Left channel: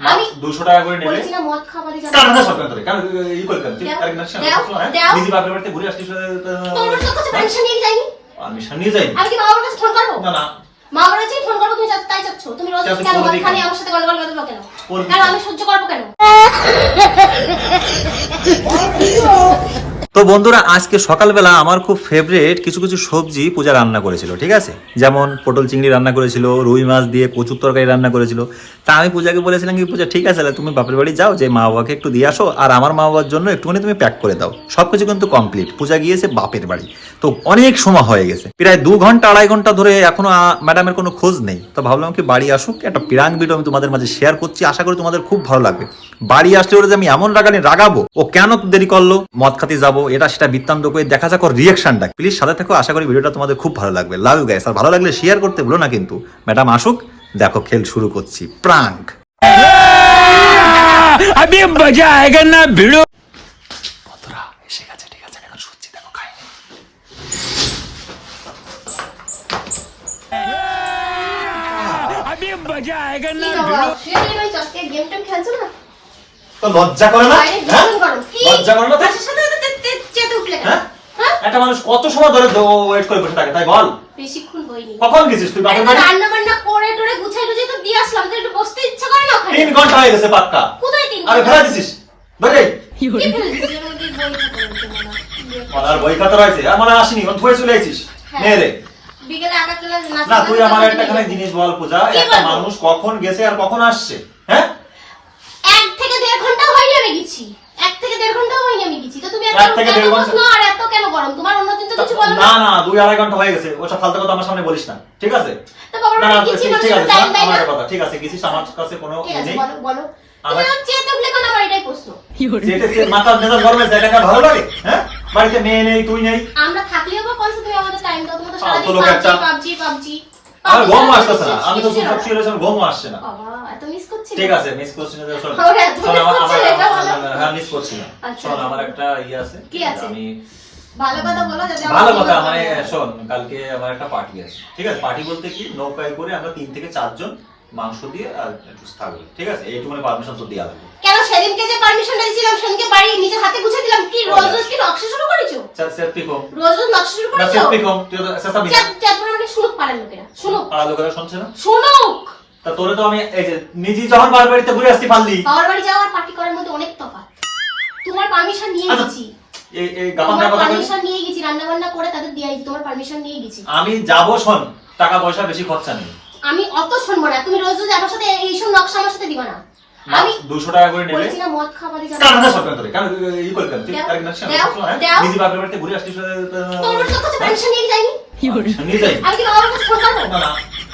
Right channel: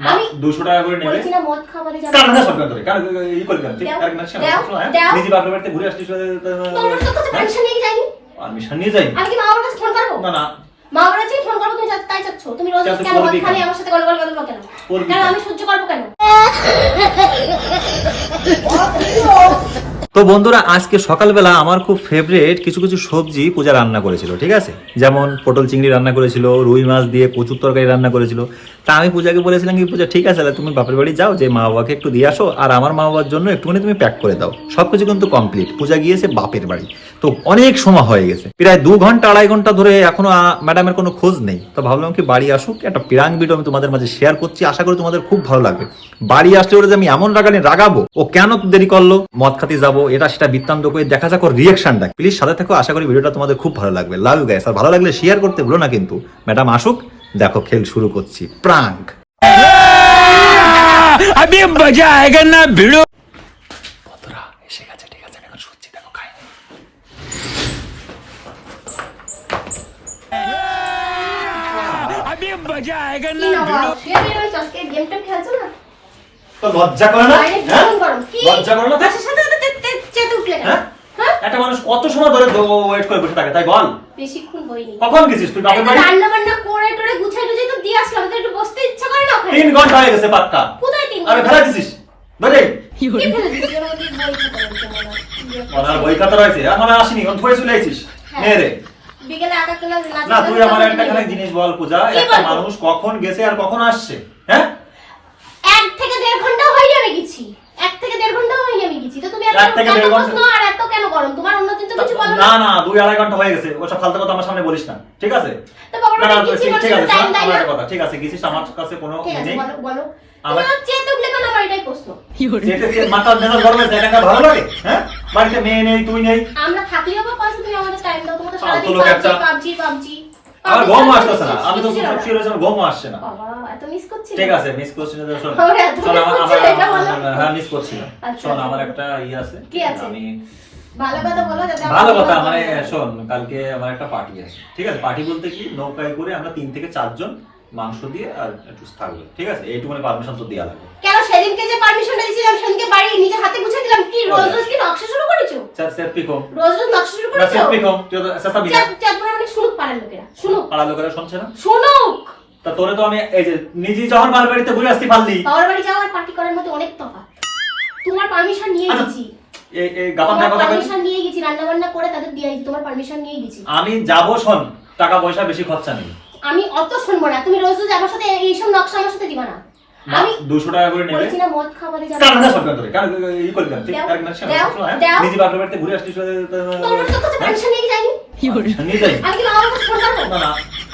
আমি- দুশো টাকা করে নেবে বলেছি না মদ খাবারে যাব। কারণ না সব ধরে কারণ ই করে দিলাম ঠিক? মাস দাও, দাও। নিজে বাপের বাড়িতে ঘুরে আসছিস তোমার তোর কাছে পারমিশন নিয়ে যাইনি পারমিশন নিয়ে যাই আমি কি মা বাবার কাছে ফোন করব না না। মা বাবার কাছে ফোন করব তুমি তাই চাচ্ছ। তুমি রোজ কেন মদ খানি আমার সাথে গল্প করবে কেন? কেন? আমি সহ্য করব কেন? তো বন্ধুরা, আজকে সকালবেলা আমার খুব ফেভারিট কিছু কিছু সবজি পূজা রান্না করেছিল, ঠিক আছে? যেমন পটল চিংড়ি রান্না করেছিল, রুই মাছ দিয়ে কচুর তরকারি রান্না করেছিল। তা আমি পূজাকে বলেছিলাম কি, পূজা, ঠিক আছে, তাহলে তুমি বাপের বাড়ি যাও, যে মা বাবাকে একটু দিয়ে আসো, আর আমার মা বাবার জন্য একটুখানি তুমি প্যাক করে দাও। সব কিছু কিন্তু কমপ্লিট পূজা গিয়েছে বাপের বাড়ি। তো অনেক সময় হয়ে গেছে। প্রায় দু ঘণ্টা, আড়াই ঘণ্টা ধরে এখনও ম্যাডামের কোনো খোঁজ নেই। তো ভাবলাম কি, বাড়ি আসুক, একটা পিরাং ভিডিও আমি তোমাদের মাঝে শেয়ার করছি। আশা করি তোমাদের খুব ভালো লাগবে। বাড়ি আসলে ওরা যে আমি এমন রাগানি রাগাবো, ও কেন দেরি করল? মদ খাতে যাব এটা সেটা বৃত্তান্ত করে দেখা যাক ওর রিয়েকশনটা প্লিজ সাথে থাকো আশা করি ভিডিওটা তোমাদের খুব ভালো লাগবে লাভ ইউ গাইস আর ভালো লাগলে শেয়ার করতে ভুলো না কিন্তু ম্যাডাম আসুক দেখো খেল শুরু করছি প্রাঙ্ক अभी मजा आएगा ना भिड़ो বন্ধুরা এসে গেছে ঠিক আছে এখন শুনছি দেখো খাই अभी मजा आएगा কি ना বাবা, भिड़ो শুয়ে শুয়ে ওই চশকে গেম টেম খেলছো না তো লজ্জা করে না বাইরে হ্যাঁ? ভীষণ গরম কি লজ্জা করে না একটা মানুষ কত সময় ধরে ওয়েট করে বসে থাকে তাই বল? বেশিক্ষণ বইনি কখন গেছিস তুই? বাপের বাড়ি? রান্না বান্না করে টোরে গুছাই গুছিয়ে তো দিয়ে আসলাম তো একটু বসতে ইচ্ছা করে না তিন ঘণ্টা হয়ে গেছে পাক্কা। কোথায় তিন আরে ঘণ্টা? দিছিস? ধরে। কি দিয়েছি? বই কি করে দিতে হবে? আর খাতা রয়েছে? হয় আসিনি এখন ধরে চলে আইছিস। হ্যাঁ। মেয়ে রে। বিকেলে চলে নাচ না তুই আমার একটা খানে জিনিস বল পূজা একটা মানুষ কখন গেছে আর কখন আসছে হ্যাঁ? এক থেকে দেড় ঘণ্টা হয়নি আমি গেছি। এক থেকে দেড় ঘণ্টা হয়নি আমি গেছি। তো তুমি এত এক থেকে এত প্রশ্ন আর এত কেন গরম তোমার অন্য চিন্তা কিছু বলো না। না দুই আড়াই ঘণ্টা হয়ে গেছে। ওসব ফালতু কথা আমার সামনে বলিস না। ঠিক আছে? না না ঠিক- ঠিক আছে আমার কথা ঠিক আছে গেছিস? আমার কাছে কোনো নেই। বলো বলো। আমার- চেতে উঠলে কেন আমার এটাই প্রশ্ন? যেতে সে মাথা মেজাজ গরমে জায়গাটা ভালো লাগে হ্যাঁ? বাড়িতে মেয়ে নেই তুই নেই। আমরা থাকলেও বা কত তুমি আমাদের টাইম দাও? তোমার তো ফালতু সারাদিন পাবজি পাবজি পাবজি। ঘুম আসতেছে না। আমি তো ঘুম আসছে না। বাবা এত মিস করছি ঠিক আছে মিস করছি না শোন হ্যাঁ মিস করছি না শোন। আমার একটা ইয়ে আছে। কি আছে? আমি ভালো কথা বলো যাতে ভালো কথা মানে শোন কালকে আমার একটা পার্টি আছে। ঠিক আছে পার্টি বলতে কি নৌকায় করে আমরা তিন থেকে চারজন মাংস দিয়ে আর একটু থাকবে ঠিক আছে? এইটুকুনি পারমিশন তো দেওয়া লাগবে। কেন সেদিনকে যে পারমিশনটা দিয়েছিলাম সেদিনকে বাড়ি নিজের হাতে গুছিয়ে দিলাম। কি রোজ রোজ কি নকশা শুরু করেছ? কম? রোজ রোজ নকশা শুরু করেছ? তুই তো চাঁদ মানে শুনুক পাড়ার লোকেরা শুনুক। লোকেরা শুনছে না? শুনুক! তা তোরে তো আমি এই যে নিজে যখন বাড়িতে ঘুরে আসতে পারলি। বাবার বাড়ি যাওয়া আর পার্টি করার মধ্যে অনেক তফাৎ। তোমার পারমিশন নিয়ে আচ্ছা, আমি যাব শোন টাকা পয়সা বেশি খরচা নেই। আমি অত শুনব না তুমি রোজ রোজ আমার সাথে এইসব নকশা আমার সাথে দিবা না। আমি দুশো টাকা করে নেবে না মদ খাবারে যাব। কারণ না ধরে? কারণ ই। নিজে বাপের বাড়িতে ঘুরে আসছিস নিয়ে যাইনি? নিয়ে যাই আমি কি আমার কাছে ফোন করব? না না।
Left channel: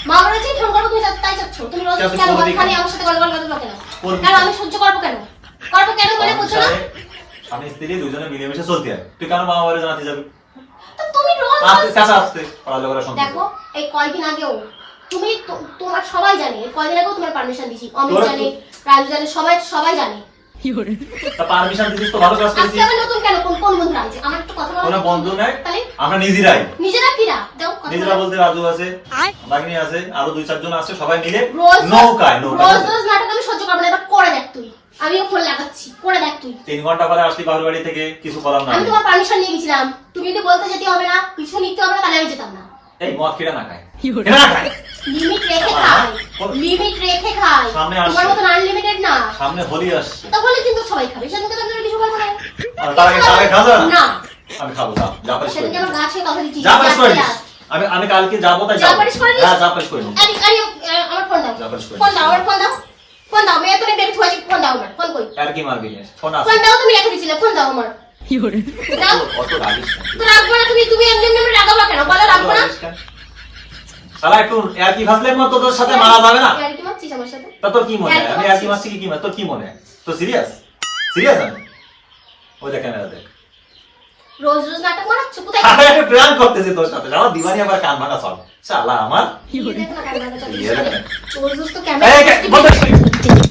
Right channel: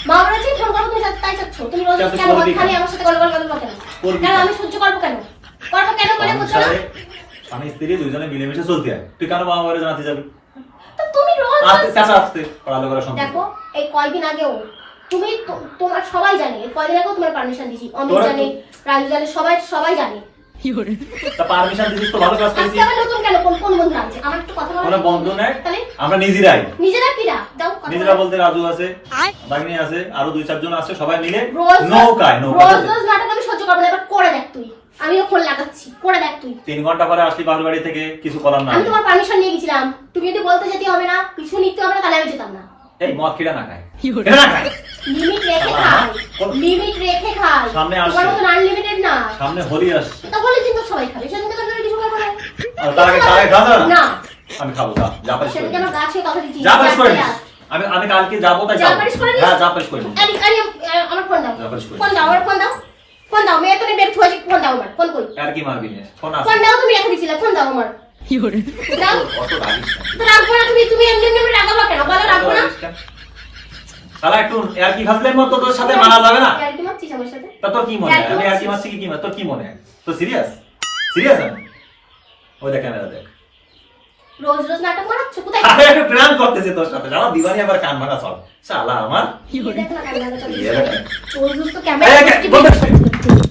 মা বাবার কাছে ফোন করব তুমি তাই চাচ্ছ। তুমি রোজ রোজ যা, তুই কেন মদ খানি আমার সাথে গন্ডগোল বাঁধবো কেন করবি কেন কেন? আমি সহ্য করব কেন? করব কেন বলে আমি বলছো না? আমি স্ত্রী দুজনে মিলেমিশে চলতে হয়। তুই কেন মামা বাড়ি জানাতে যাবি? তো তুমি রোজ আসতে চাচা আসতে। পাড়া লোকেরা শুনতে দেখো এই কয়দিন আগেও তুমি তোমার সবাই জানে এই কয়দিন আগেও তোমার পারমিশন দিছি। অমিত জানে রাজু জানে সবাই সবাই জানে। পারমিশন দিছিস তো ভালো কাজ আজকে নতুন কেন? কোন কোন বন্ধু আনছে আমার একটু কথা বলা বন্ধু নাই। আমরা নিজেরাই। নিজেরা কিরা? দাও কথা নিজেরা বলতে রাজু আছে বাগিনী আছে আরও দুই চারজন আছে সবাই মিলে রোজ রোজ- নৌকায় নৌকায় রোজ রোজ নাটক আমি সহ্য করব না এবার করে দেখ তুই। আমিও ফোন লাগাচ্ছি করে দেখ তুই। তিন ঘণ্টা পরে আসলি বাবুর বাড়ি থেকে কিছু করার না আমি তোমার পারমিশন নিয়ে গেছিলাম। তুমি যদি বলতে যেতে হবে না কিছু নিতে হবে না তাহলে আমি যেতাম না। এই মদ কিরা না খায় না খায় লিমিট রেখে খাই লিমিট রেখে খাই সামনে তোমার আসছে। মতন আনলিমিটেড না। সামনে হোলি আসছে। তাহলে কিন্তু সবাই খাবে। সেদিনকে তো তুমি কিছু করব না। আর তার আগে- তার আগে খাবে? না? না আমি খাব যা যা পারিস করে সেদিনকে আমার গাছে কথা দিচ্ছি। যা পারিস করে আমি আমি কালকে যাব তাই যা পারিস করে। হ্যাঁ যা পারিস করে। আরে আরে আমার ফোন দাও। ফোন দাও আমার ফোন দাও। ফোন দাও মেয়ে তুমি বের থুয়েছি ফোন দাও আমার ফোন কই? আর কি মারবি ফোন আছে? ফোন দাও তুমি রেখে দিছিলে ফোন দাও আমার? দাও। অত রাগিস। তো রাখব না তুমি তুমি এমনি এমনি রাগাবো কেন? বলো রাখব না। শালা একটু আর কি ভাবলে মতো তোর সাথে মারা যাবে না? আর কি মারছিস আমার সাথে? তা তোর কি মনে হয়? কি আমি আর কি মারছি কি কি মার- তোর কি মনে হয় তো সিরিয়াস সিরিয়াস আমি? ওই দেখ ক্যামেরা দেখ। রোজ রোজ নাটক মারাচ্ছ কোথায় আরে প্ল্যান করতেছে তোর সাথে। শালা দিবানি আবার কান ভাঙা সব শালা আমার। কি। ইয়ে রোজ রোজ তো ক্যামেরা।